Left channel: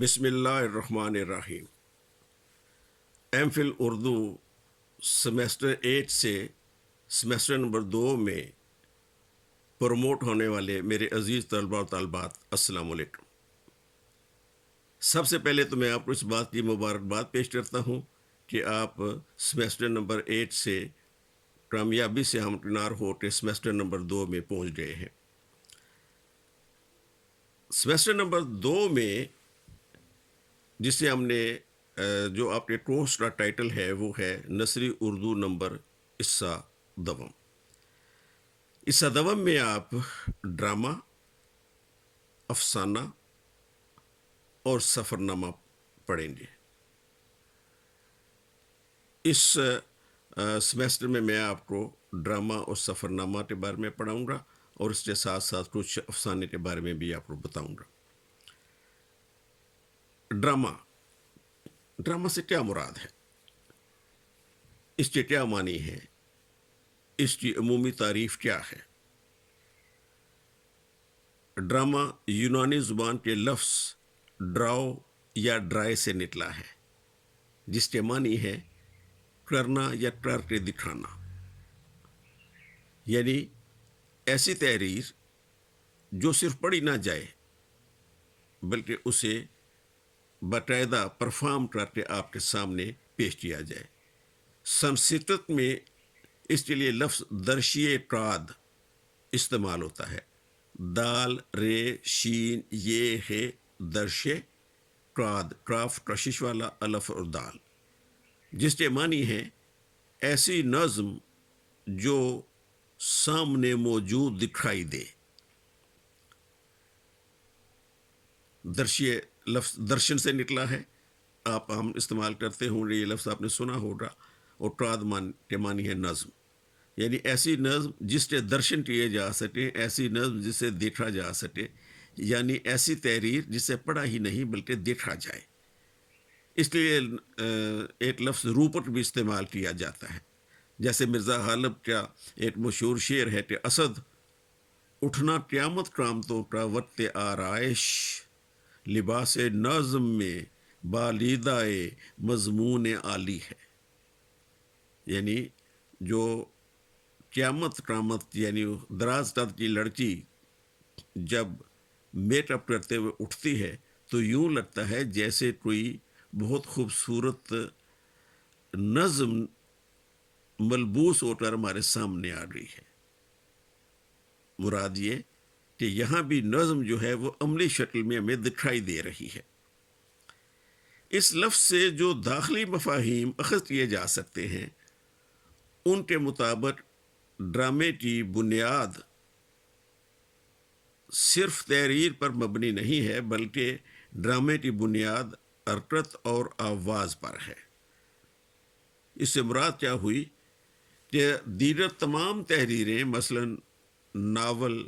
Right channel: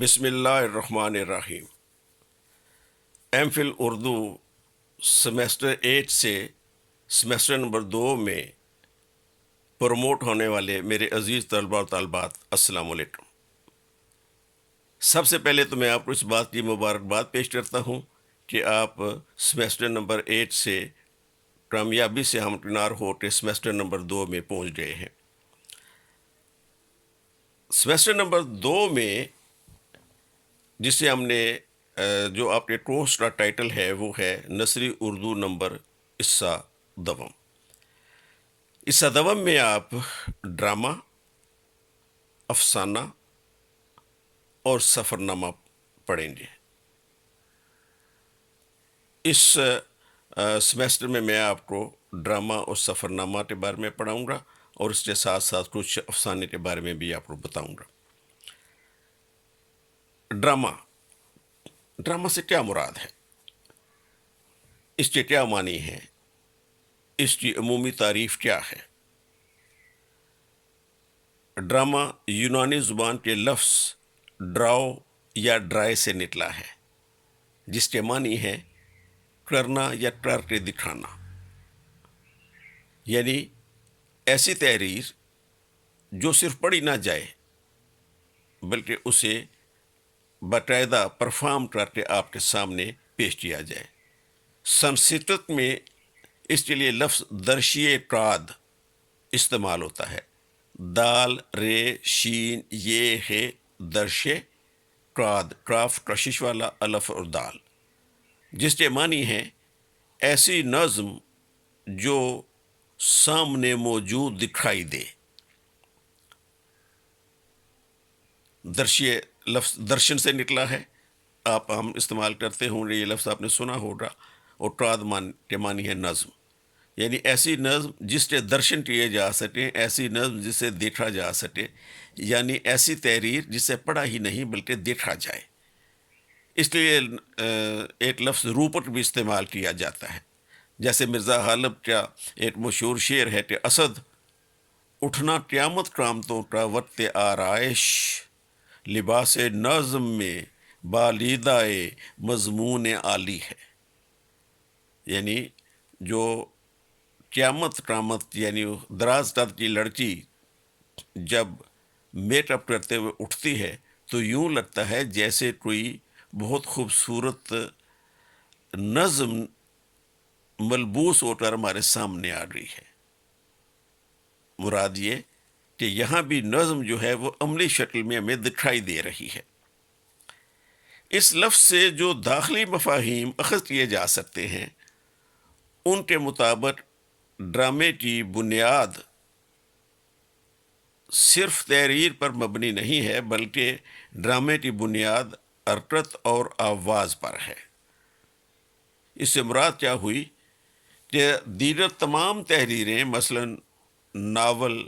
بسم اللہ الرحمن الرحیم۔ ایم فل اردو سیمیسٹر 8 سے سیمیسٹر نمبر 2 میں پروموٹ ہونے والے میرے عزیز طلباء و طالبات، السلام علیکم۔ سب سے پہلے تو میں آپ کو اس بات کی مبارکباد پیش کرتا ہوں کہ آپ سیمیسٹر نمبر 8 سے کامیابی سے ہمکنار ہو کے سیمیسٹر نمبر 2 میں پہنچ گئے ہیں۔ سیمیسٹر نمبر 2 میں جسے ہم نے جو آپ کے کورس کا ٹائٹل ہے وہ ہے نثری اردو نمبر قصہ دوم۔ قصہ دوم میں آپ ڈرامہ، افسانہ اور سفر نامہ پڑھیں گے۔ اس سیمیسٹر میں آپ کو ڈرامہ اور سفر نامہ کے بارے میں پڑھاؤں گا اور اس کے ساتھ ساتھ کچھ افسانے کے بارے میں بھی آپ کو بتاؤں گا۔ ڈرامہ سے کیا مراد ہے؟ اس کے کیا معنی ہے؟ اس کی عمومی تعریف کیا ہے؟ ڈرامہ یونانی زبان کے لفظ ڈراؤ یا ڈرائے سے نکلا ہے، جس کے معنی ہے کرنا یا کر کے دکھانا، یعنی ایسی تحریر جو صرف پڑھی نہ جائے بلکہ اسے باقاعدہ پرفارم کر کے آپ کے سامنے پیش کیا جائے۔ سنسکرت میں اس کے لیے لفظ درشیے قاد استعمال ہوتا ہے۔ دال رے شین یہ ہے درشے قاد، کاف کشش والا الف اور دال، جس کے معنی ہے ایسی نظم جو سامنے موجود دکھائی دے۔ درشیے لفظ درشن سے نکلا ہے، آپ ہم استعمال کرتے ہوں گے، یہ لفظ آپ نے سنا ہوگا، اور قاد کے معنی ہے نظم، یعنی ایسی نظم جس کے درشن کیے جا سکیں، ایسی نظم جسے دیکھا جا سکے، یعنی ایسی تحریر جسے پڑھا ہی نہیں بلکہ دیکھا جائے۔ اس لیے ایک لفظ روپٹ بھی استعمال کیا جاتا ہے، جیسے مرزا غالب کا ایک مشہور شعر ہے کہ اسد اٹھنا قیامت قامتوں کا وقت آرائش، لباس نظم میں بالیدائے مضمون عالی ہے، یعنی جو قیامت یعنی دراز قد کی لڑکی جب میک اپ کرتے ہوئے اٹھتی ہے تو یوں لگتا ہے جیسے کوئی بہت خوبصورت نظم ملبوس ہو کر ہمارے سامنے آ رہی ہے۔ مراد یہ کہ یہاں بھی نظم جو ہے وہ عملی شکل میں ہمیں دکھائی دے رہی ہے۔ اس لفظ سے جو داخلی مفاہیم اخذ کیے جا سکتے ہیں ان کے مطابق ڈرامے کی بنیاد صرف تحریر پر مبنی نہیں ہے، بلکہ ڈرامے کی بنیاد حرکت اور آواز پر ہے۔ اس سے مراد کیا ہوئی کہ دیگر تمام تحریریں مثلا ناول،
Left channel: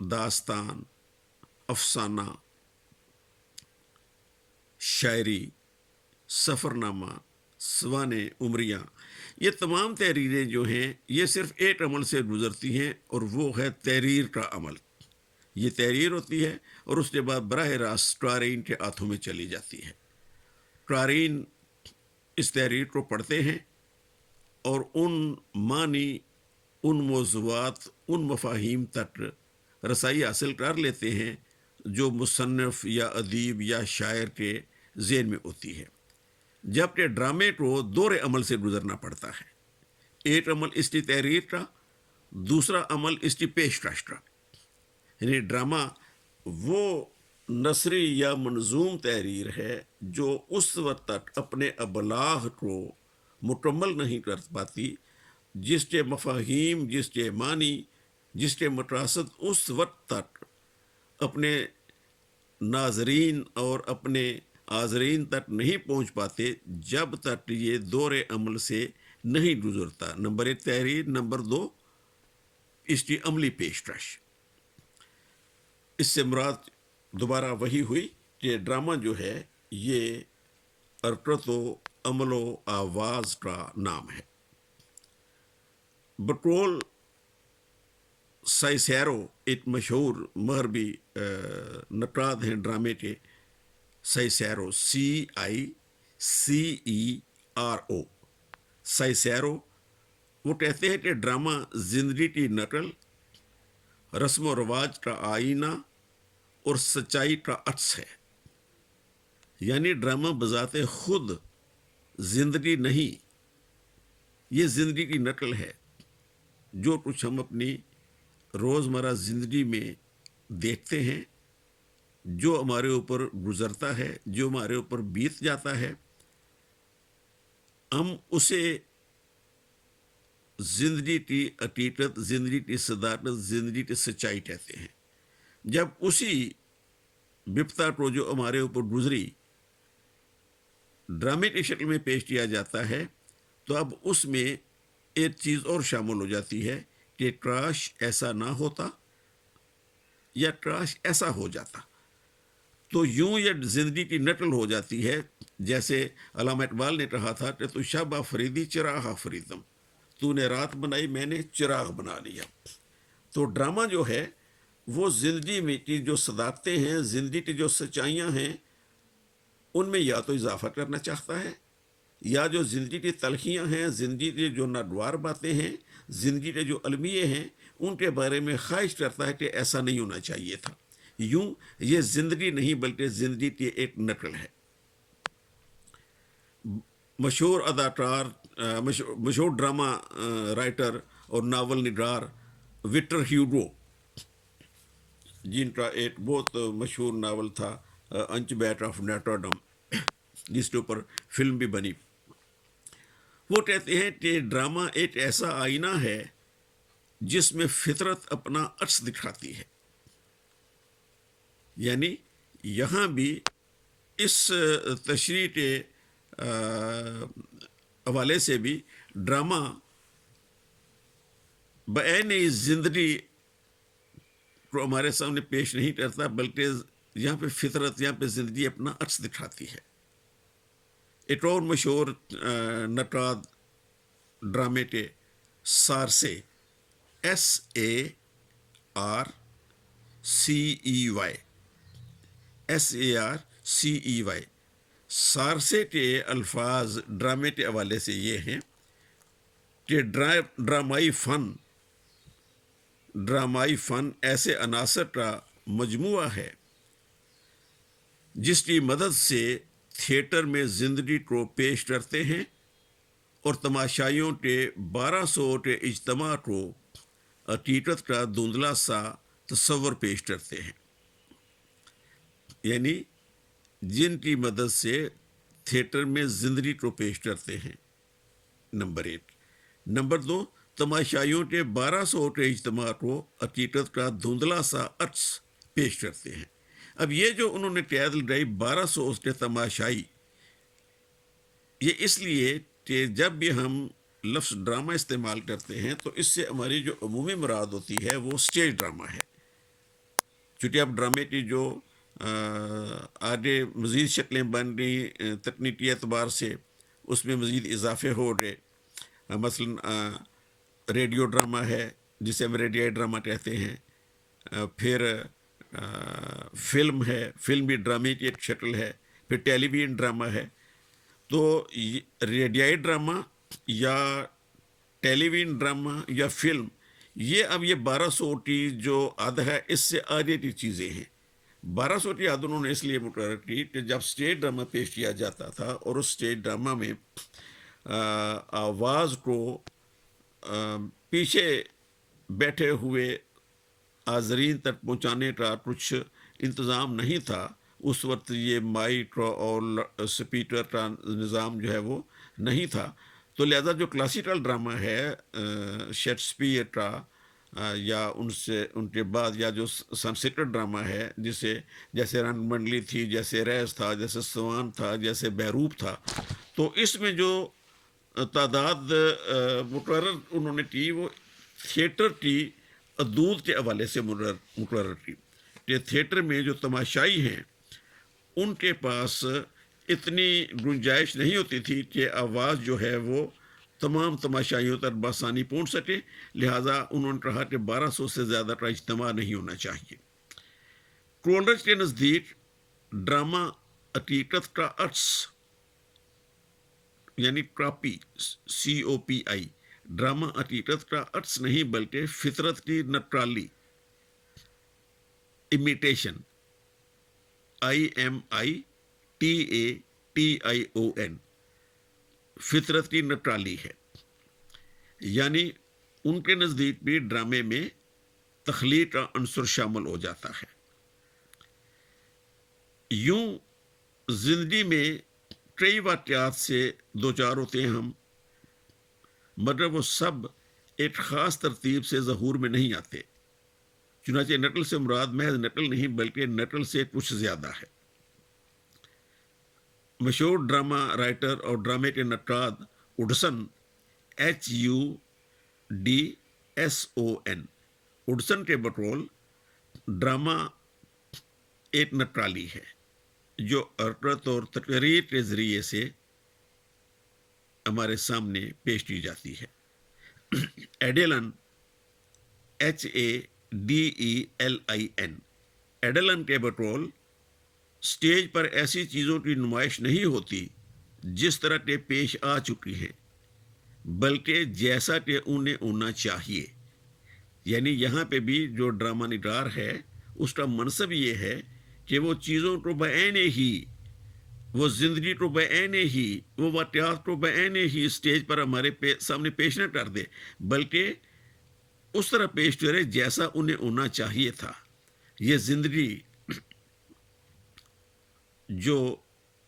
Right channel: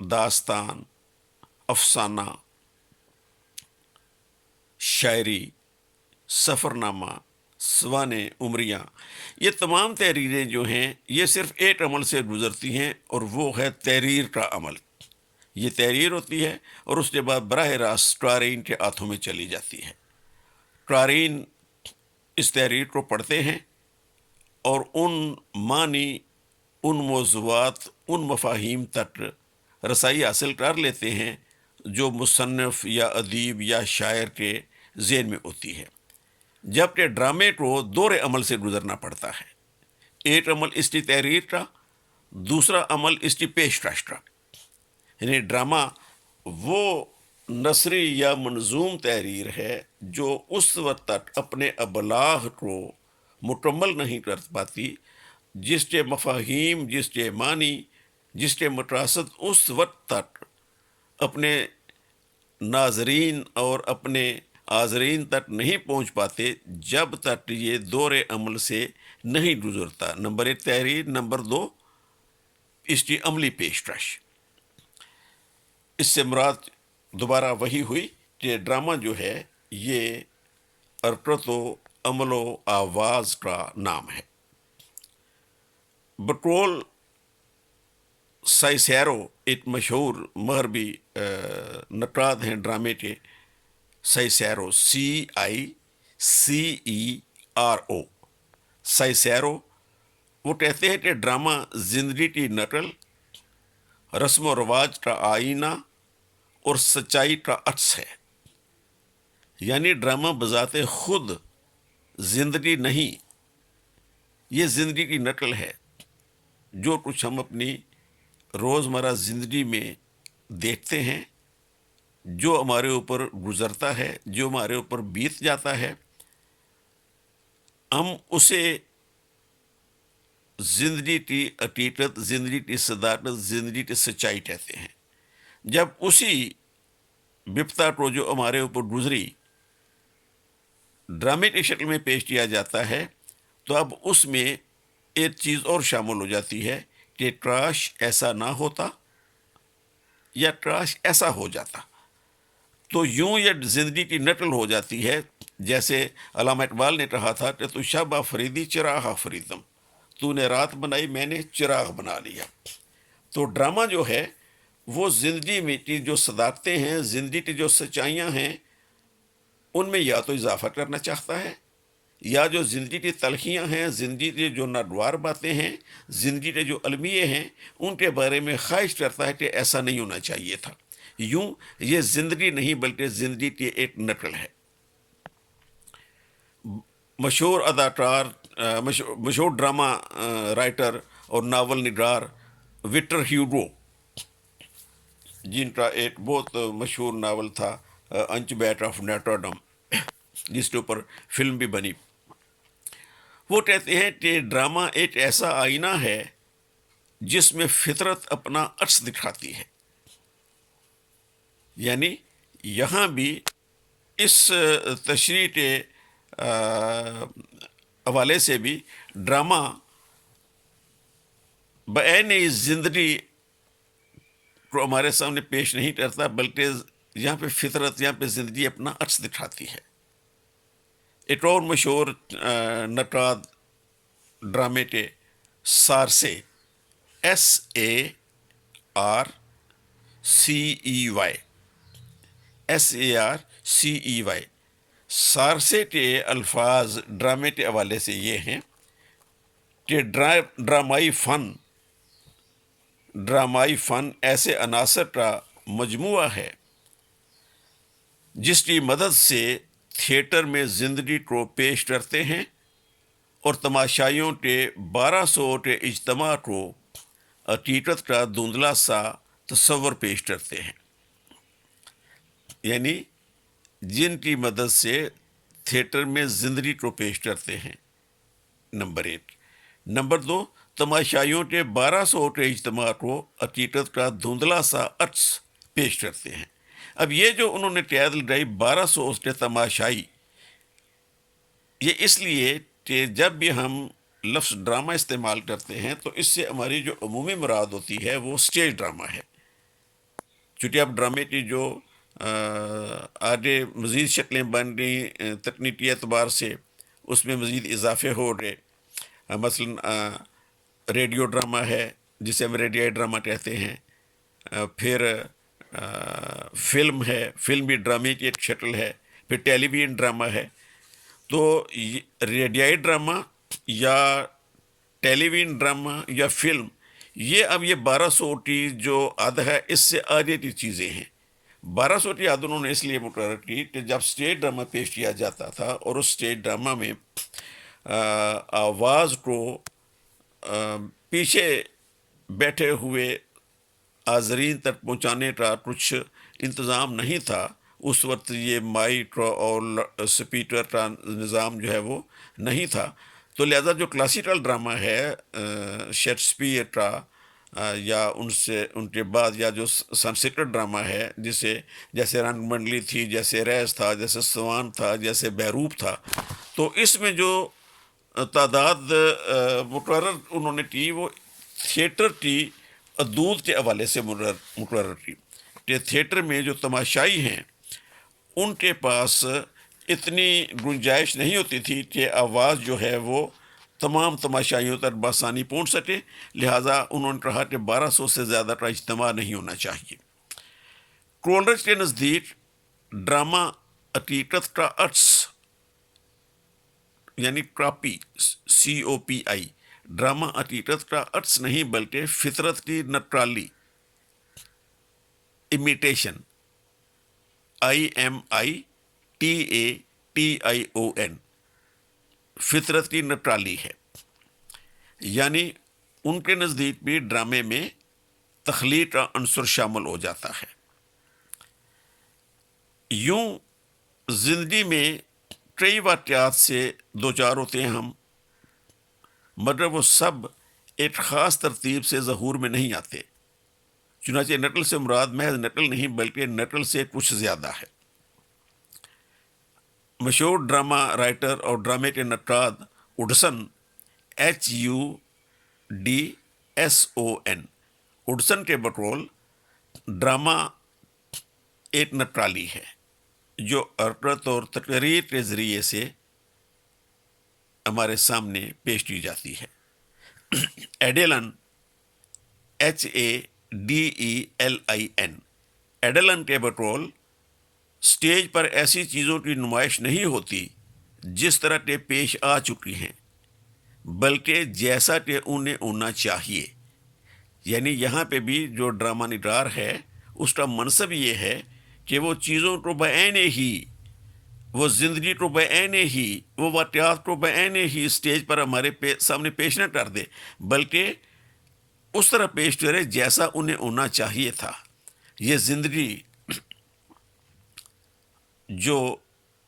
داستان، افسانہ، شاعری، سفر نامہ، سوانح عمریاں، یہ تمام تحریریں جو ہیں یہ صرف ایک عمل سے گزرتی ہیں اور وہ ہے تحریر کا عمل۔ یہ تحریر ہوتی ہے اور اس کے بعد براہ راست قارئین کے ہاتھوں میں چلی جاتی ہے۔ قارئین اس تحریر کو پڑھتے ہیں اور ان معنی، ان موضوعات، ان مفاہیم تک رسائی حاصل کر لیتے ہیں جو مصنف یا ادیب یا شاعر کے ذہن میں ہوتی ہے، جبکہ ڈرامے کو دور عمل سے گزرنا پڑتا ہے۔ ایک عمل اس کی تحریر کا، دوسرا عمل اس کی پیشکش کا، یعنی ڈرامہ وہ نثری یا منظوم تحریر ہے جو اس وقت تک اپنے ابلاغ کو مکمل نہیں کر پاتی جس کے مفاہیم، جس کے معنی، جس کے مقاصد اس وقت تک اپنے ناظرین اور اپنے حاضرین تک نہیں پہنچ پاتے جب تک یہ دور عمل سے نہیں گزرتا۔ نمبر 1 تحریر، نمبر 2 اس کی عملی پیشکش۔ اس سے مراد دوبارہ وہی ہوئی کہ ڈرامہ جو ہے یہ حرکت و عمل و آواز کا نام ہے۔ بقول سائسیرو، ایک مشہور مغربی نقاد ہیں ڈرامے کے، سائسیرو CICERO سائسیرو وہ کہتے ہیں کہ ڈرامہ زندگی کی نقل، رسم و رواج کا آئینہ اور سچائی کا عکس ہے. یعنی ڈرامہ بذات خود زندگی نہیں، یہ زندگی کی نقل ہے. جو کچھ ہم اپنی روزمرہ زندگی میں دیکھتے ہیں، جو ہمارے اوپر گزرتا ہے، جو ہمارے اوپر بیت جاتا ہے، ہم اسے زندگی کی حقیقت، زندگی کی صداقت، زندگی کی سچائی کہتے ہیں. جب اسی بپتا کو جو ہمارے اوپر گزری ڈرامے کی شکل میں پیش کیا جاتا ہے، تو اب اس میں ایک چیز اور شامل ہو جاتی ہے کہ کاش ایسا نہ ہوتا یا کاش ایسا ہو جاتا. تو یوں یہ زندگی کی نقل ہو جاتی ہے. جیسے علامہ اقبال نے کہا تھا کہ تو شب آفریدی چراغ آفریدم، تو نے رات بنائی میں نے چراغ بنا لیا. تو ڈرامہ جو ہے وہ زندگی میں کی جو صداقتیں ہیں، زندگی کی جو سچائیاں ہیں، ان میں یا تو اضافہ کرنا چاہتا ہے، یا جو زندگی کی تلخیاں ہیں، زندگی کی جو ناگوار باتیں ہیں، زندگی کے جو المیے ہیں، ان کے بارے میں خواہش کرتا ہے کہ ایسا نہیں ہونا چاہیے تھا. یوں یہ زندگی نہیں بلکہ زندگی کی ایک نقل ہے. مشہور اداکار، مشہور ڈرامہ رائٹر اور ناول نگار وکٹر ہیوگو، جن کا ایک بہت مشہور ناول تھا انچ بیٹ آف نیٹرڈم، جس کے اوپر فلم بھی بنی، وہ کہتے ہیں کہ ڈرامہ ایک ایسا آئینہ ہے جس میں فطرت اپنا عکس دکھاتی ہے. یعنی یہاں بھی اس تشریح کے حوالے سے بھی ڈرامہ بعین زندگی کو ہمارے سامنے پیش نہیں کرتا، بلکہ یہاں پہ فطرت، یہاں پہ زندگی اپنا عکس دکھاتی ہے. ایک اور مشہور نقاد ڈرامے کے سارسے، SARCEY سارسے کے الفاظ ڈرامے کے حوالے سے یہ ہیں کہ ڈرامائی فن ایسے عناصر کا مجموعہ ہے جس کی مدد سے تھیٹر میں زندگی کو پیش کرتے ہیں اور تماشائیوں کے 1200 کے اجتماع کو حقیقت کا دھندلا سا تصور پیش کرتے ہیں. یعنی جن کی مدد سے تھیٹر میں زندگی کو پیش کرتے ہیں، نمبر 1. نمبر 2، تماشائیوں کے 1200 کے اجتماع کو حقیقت کا دھندلا سا عکس پیش کرتے ہیں. اب یہ جو انہوں نے قید لگائی 1200 کے تماشائی، یہ اس لیے کہ جب بھی ہم لفظ ڈرامہ استعمال کرتے ہیں تو اس سے ہماری جو عمومی مراد ہوتی ہے وہ اسٹیج ڈرامہ ہے. چونکہ اب ڈرامے کی جو آگے مزید شکلیں بن گئی تکنیکی اعتبار سے، اس میں مزید اضافے ہو رہے. مثلا ریڈیو ڈرامہ ہے جسے ہم ریڈیائی ڈرامہ کہتے ہیں، پھر فلم ہے، فلم بھی ڈرامے کی ایک شکل ہے، پھر ٹیلی ویژن ڈرامہ ہے. تو ریڈیائی ڈرامہ یا ٹیلی ویژن ڈرامہ یا فلم، یہ اب یہ 1200 کی جو عد ہے اس سے آگے کی چیزیں ہیں. 1200 کی عد انہوں نے اس لیے مقرر کی کہ جب اسٹیج ڈرامہ پیش کیا جاتا تھا اور اس اسٹیج ڈرامہ میں آواز کو پیچھے بیٹھے ہوئے حاضرین تک پہنچانے کا کچھ انتظام نہیں تھا، اس وقت یہ مائک اور اسپیکر کا نظام جو ہے وہ نہیں تھا. تو لہذا جو کلاسیکل ڈرامہ ہے شیکسپیئر کا یا ان کے بعد یا جو سنسکرت ڈرامہ ہے، جیسے رنگ منڈلی تھی، جیسے ریس تھا، جیسے سوان تھا، جیسے بہروپ تھا، تو اس میں جو تعداد مقرر انہوں نے کی وہ تھیٹر کی حدود کے حوالے سے مقرر کی کہ تھیٹر میں جو تماشائی ہیں ان کے پاس اتنی گنجائش نہیں ہوتی تھی کہ آواز جو ہے وہ تمام تماشائیوں تک بآسانی پہنچ سکے. لہٰذا انہوں نے کہا کہ 1200 سے زیادہ کا اجتماع نہیں ہونا چاہیے. کولرج کے نزدیک ڈرامہ حقیقت کا عکس یعنی کاپی، COPI، ڈرامہ حقیقت کا عکس نہیں بلکہ فطرت کی نقالی، امیٹیشن، IMITATION، فطرت کی نقالی ہے۔ یعنی ان کے نزدیک بھی ڈرامے میں تخلیق کا عنصر شامل ہو جاتا ہے۔ یوں زندگی میں کئی واقعات سے دوچار ہوتے ہیں ہم، مگر وہ سب ایک خاص ترتیب سے ظہور میں نہیں آتے۔ چنانچہ نقل سے مراد محض نقل نہیں بلکہ نقل سے کچھ زیادہ ہے۔ مشہور ڈرامہ رائٹر اور ڈرامے کے نقاد وڈسن، HUDSON، وڈسن کے بقول ڈرامہ ایک نقالی ہے جو حرکت اور تقریر کے ذریعے سے ہمارے سامنے پیش کی جاتی ہے۔ ایڈیلن، HADELIN، ایڈیلن کے بقول سٹیج پر ایسی چیزوں کی نمائش نہیں ہوتی جس طرح کے پیش آ چکی ہیں، بلکہ جیسا کہ انہیں ہونا چاہیے۔ یعنی یہاں پہ بھی جو ڈرامہ نگار ہے اس کا منصب یہ ہے کہ وہ چیزوں کو بعین ہی، وہ زندگی کو بعین ہی، وہ واقعات کو بعین ہی اسٹیج پر ہمارے سامنے پیش نہ کر دے، بلکہ اس طرح پیش کرے جیسا انہیں ہونا چاہیے تھا۔ یہ زندگی جو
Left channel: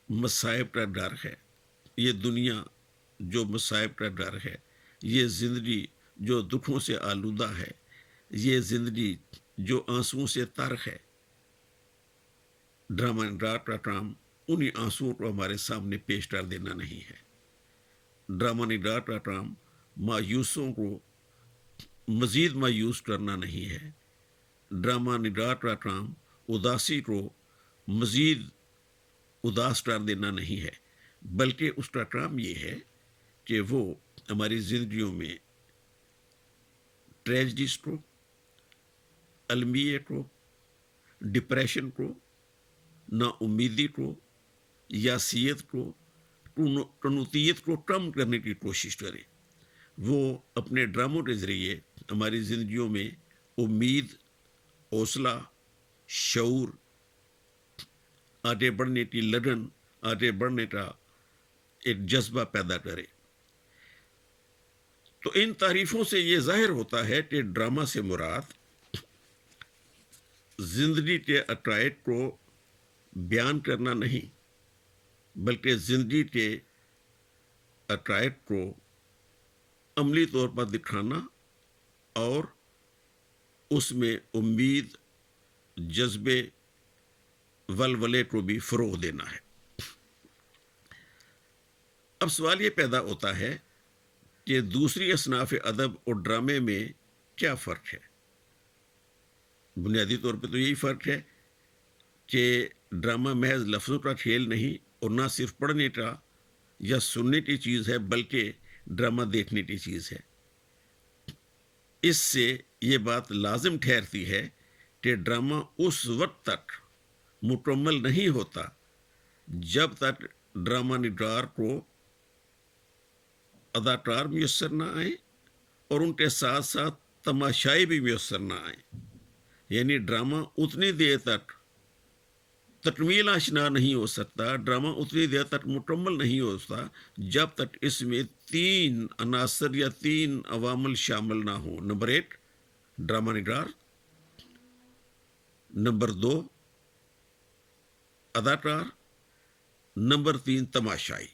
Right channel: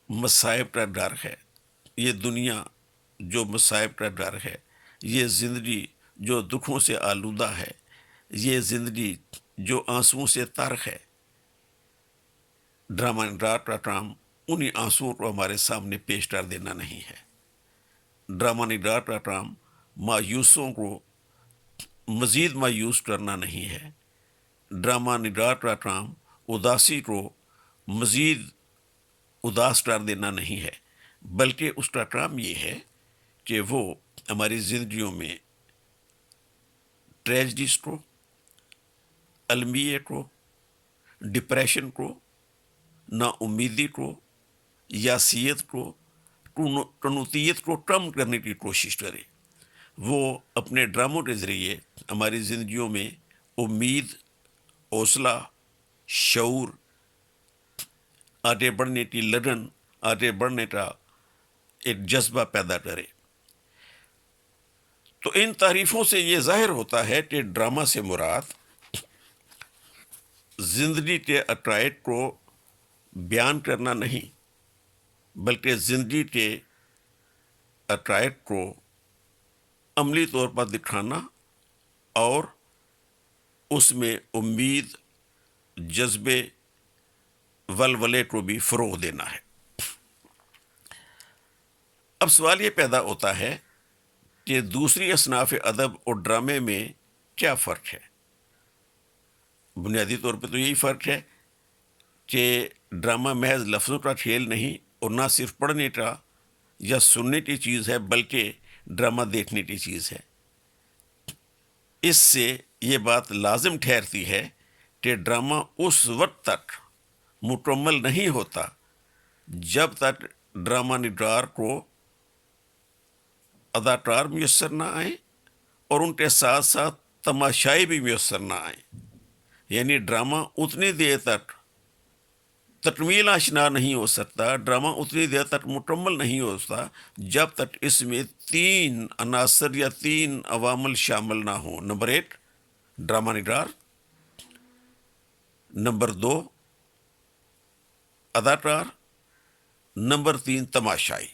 مصائب کا ڈر ہے، یہ دنیا جو مصائب کا ڈر ہے، یہ زندگی جو دکھوں سے آلودہ ہے، یہ زندگی جو آنسوؤں سے تر ہے، ڈرامہ نگار کا کام انہی آنسوؤں کو ہمارے سامنے پیش کر دینا نہیں ہے۔ ڈرامہ نگار کا کام مایوسوں کو مزید مایوس کرنا نہیں ہے۔ ڈرامہ نگار کا کام اداسی کو مزید اداس کر دینا نہیں ہے، بلکہ اس کا کام یہ ہے کہ وہ ہماری زندگیوں میں ٹریجڈیز کو، المیے کو، ڈپریشن کو، نا امیدی کو، یاسیت کو، قنوطیت کو کم کرنے کی کوشش کرے۔ وہ اپنے ڈراموں کے ذریعے ہماری زندگیوں میں امید، حوصلہ، شعور، آگے بڑھنے کی لگن، آگے بڑھنے کا ایک جذبہ پیدا کرے۔ تو ان تعریفوں سے یہ ظاہر ہوتا ہے کہ ڈرامہ سے مراد زندگی کے عقائد کو بیان کرنا نہیں، بلکہ زندگی کے عقائد کو عملی طور پر دکھانا اور اس میں امید، جذبے، ولولے کو بھی فروغ دینا ہے۔ اب سوال یہ پیدا ہوتا ہے کہ دوسری اصناف ادب اور ڈرامے میں کیا فرق ہے؟ بنیادی طور پہ تو یہی فرق ہے کہ ڈرامہ محض لفظوں کا کھیل نہیں اور نہ صرف پڑھنے کا یا سننے کی چیز ہے، بلکہ ڈرامہ دیکھنے کی چیز ہے۔ اس سے یہ بات لازم ٹھہرتی ہے کہ ڈرامہ اس وقت تک مکمل نہیں ہوتا جب تک ڈرامہ نگار کو اداکار میسر نہ آئیں اور ان کے ساتھ ساتھ تماشائی بھی میسر نہ آئیں۔ یعنی ڈرامہ اتنی دیر تک تکمیل آشنا نہیں ہو سکتا، ڈرامہ اتنی دیر تک مکمل نہیں ہو سکتا جب تک اس میں 3 عناصر یا 3 عوامل شامل نہ ہوں۔ نمبر 1 ڈرامہ نگار، نمبر 2 اداکار، نمبر 3 تماشائی۔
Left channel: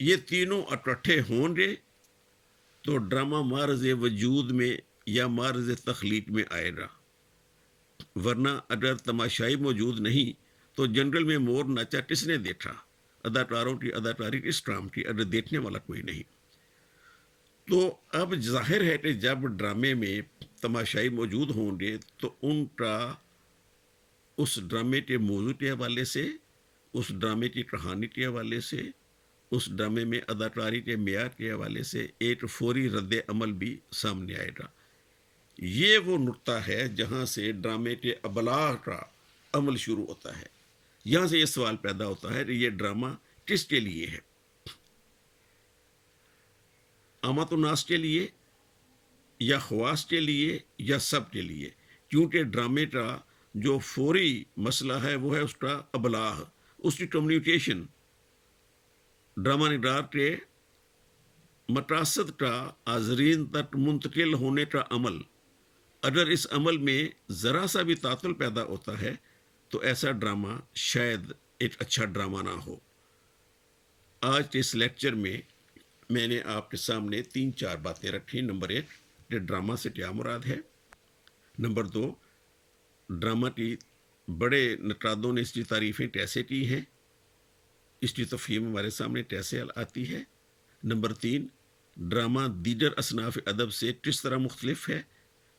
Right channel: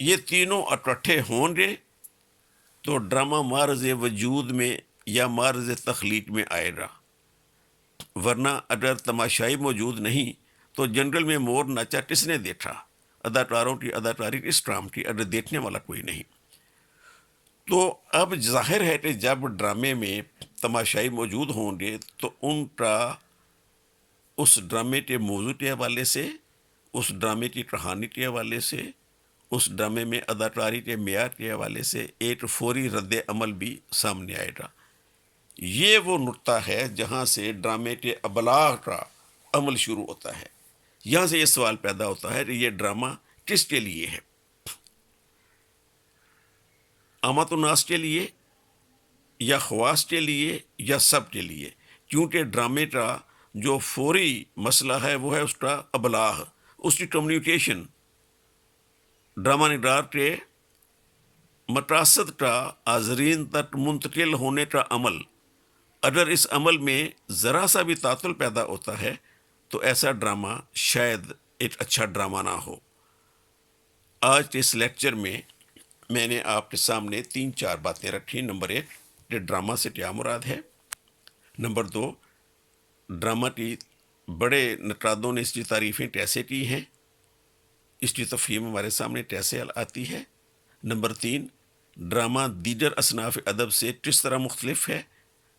یہ تینوں اکٹھے ہوں گے تو ڈرامہ معرض وجود میں یا معرض تخلیق میں آئے گا، ورنہ اگر تماشائی موجود نہیں تو جنگل میں مور ناچا کس نے دیکھا؟ اداکاروں کی اداکاری کس کام کی اگر دیکھنے والا کوئی نہیں؟ تو اب ظاہر ہے کہ جب ڈرامے میں تماشائی موجود ہوں گے تو ان کا اس ڈرامے کے موضوع کے حوالے سے، اس ڈرامے کی کہانی کے حوالے سے، اس ڈرامے میں اداکاری کے معیار کے حوالے سے ایک فوری رد عمل بھی سامنے آئے گا۔ یہ وہ نقطہ ہے جہاں سے ڈرامے کے ابلاغ کا عمل شروع ہوتا ہے۔ یہاں سے یہ سوال پیدا ہوتا ہے کہ یہ ڈرامہ کس کے لیے ہے؟ عامت الناس کے لیے، یا خواص کے لیے، یا سب کے لیے؟ کیونکہ ڈرامے کا جو فوری مسئلہ ہے وہ ہے اس کا ابلاغ، اس کی کمیونیکیشن، ڈرامہ نگار کے مقاصد کا حاضرین تک منتقل ہونے کا عمل۔ اگر اس عمل میں ذرا سا بھی تعطل پیدا ہوتا ہے تو ایسا ڈرامہ شاید ایک اچھا ڈرامہ نہ ہو۔ آج کے اس لیکچر میں نے آپ کے سامنے 3-4 باتیں رکھی۔ نمبر 1، کہ ڈرامہ سے کیا مراد ہے۔ نمبر 2، ڈرامہ کی بڑے نقادوں نے اس کی تعریفیں کیسے کی ہیں، اس کی تفہیم ہمارے سامنے کیسے آتی ہے۔ نمبر 3، ڈرامہ دیگر اصناف ادب سے کس طرح مختلف ہے۔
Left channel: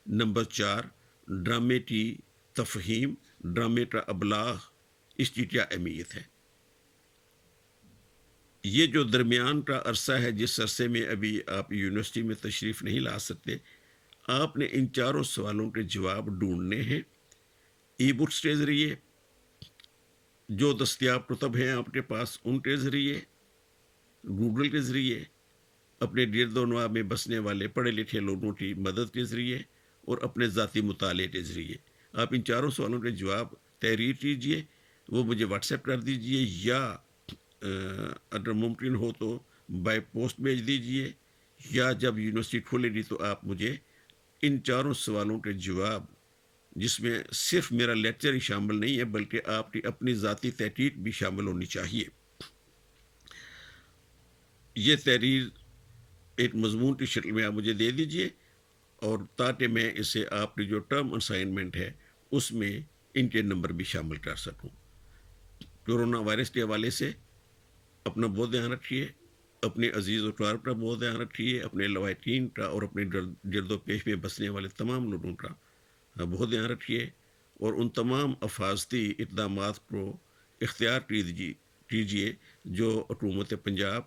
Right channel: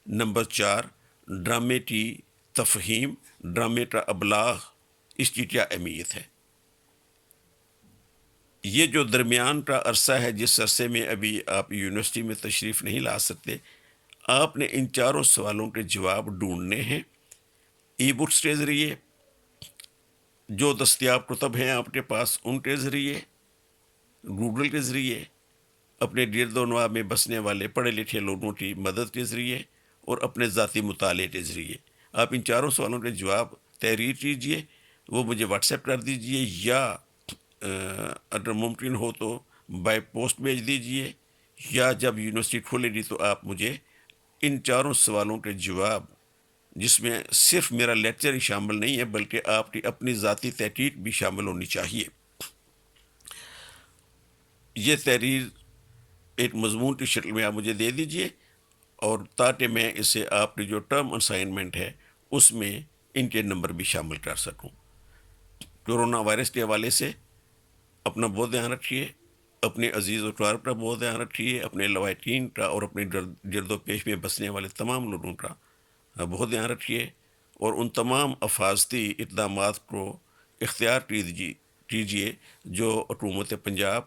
نمبر 4، ڈرامے کی تفہیم، ڈرامے کا ابلاغ، اس کی کیا اہمیت ہے۔ یہ جو درمیان کا عرصہ ہے، جس عرصے میں ابھی آپ یونیورسٹی میں تشریف نہیں لا سکتے، آپ نے ان چاروں سوالوں کے جواب ڈھونڈنے ہیں۔ ای بکس کے ذریعے، جو دستیاب کتب ہیں آپ کے پاس ان کے ذریعے، گوگل کے ذریعے، اپنے گرد و نواح میں بسنے والے پڑھے لکھے لوگوں کی مدد کے ذریعے، اور اپنے ذاتی مطالعے کے ذریعے۔ آپ ان چاروں سوالوں کے جواب تحریر کیجئے، وہ مجھے واٹس ایپ کر دیجئے، یا اگر ممکن ہو تو بائی پوسٹ بھیج دیجئے، یا جب یونیورسٹی کھولے گی تو آپ مجھے ان چاروں سوالوں کے جواب، جس میں صرف میرا لیکچر ہی شامل نہیں ہے بلکہ آپ کی اپنی ذاتی تحقیق بھی شامل ہونی چاہیے، یہ تحریر ایک مضمون کی شکل میں آپ مجھے دے دیجئے، اور تاکہ میں اسے آپ کی جو ٹرم اسائنمنٹ ہے اس میں ان کے نمبر بھی شامل کر سکوں۔ کورونا وائرس کے حوالے سے اپنا بہت دھیان رکھیے، اپنے عزیز و اقارب کا بہت دھیان رکھیے، اپنے لوائقین کا اور اپنے گرد و پیش میں بسنے والے تمام لوگوں کا بہت دھیان رکھیے، اور ان تمام حفاظتی اقدامات کو اختیار کیجیے جو حکومت پنجاب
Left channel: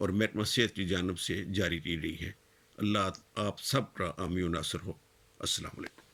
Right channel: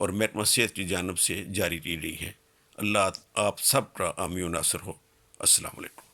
اور محکمہ صحت کی جانب سے جاری کی گئی ہے۔ اللہ آپ سب کا حامی و ناصر ہو۔ السلام علیکم۔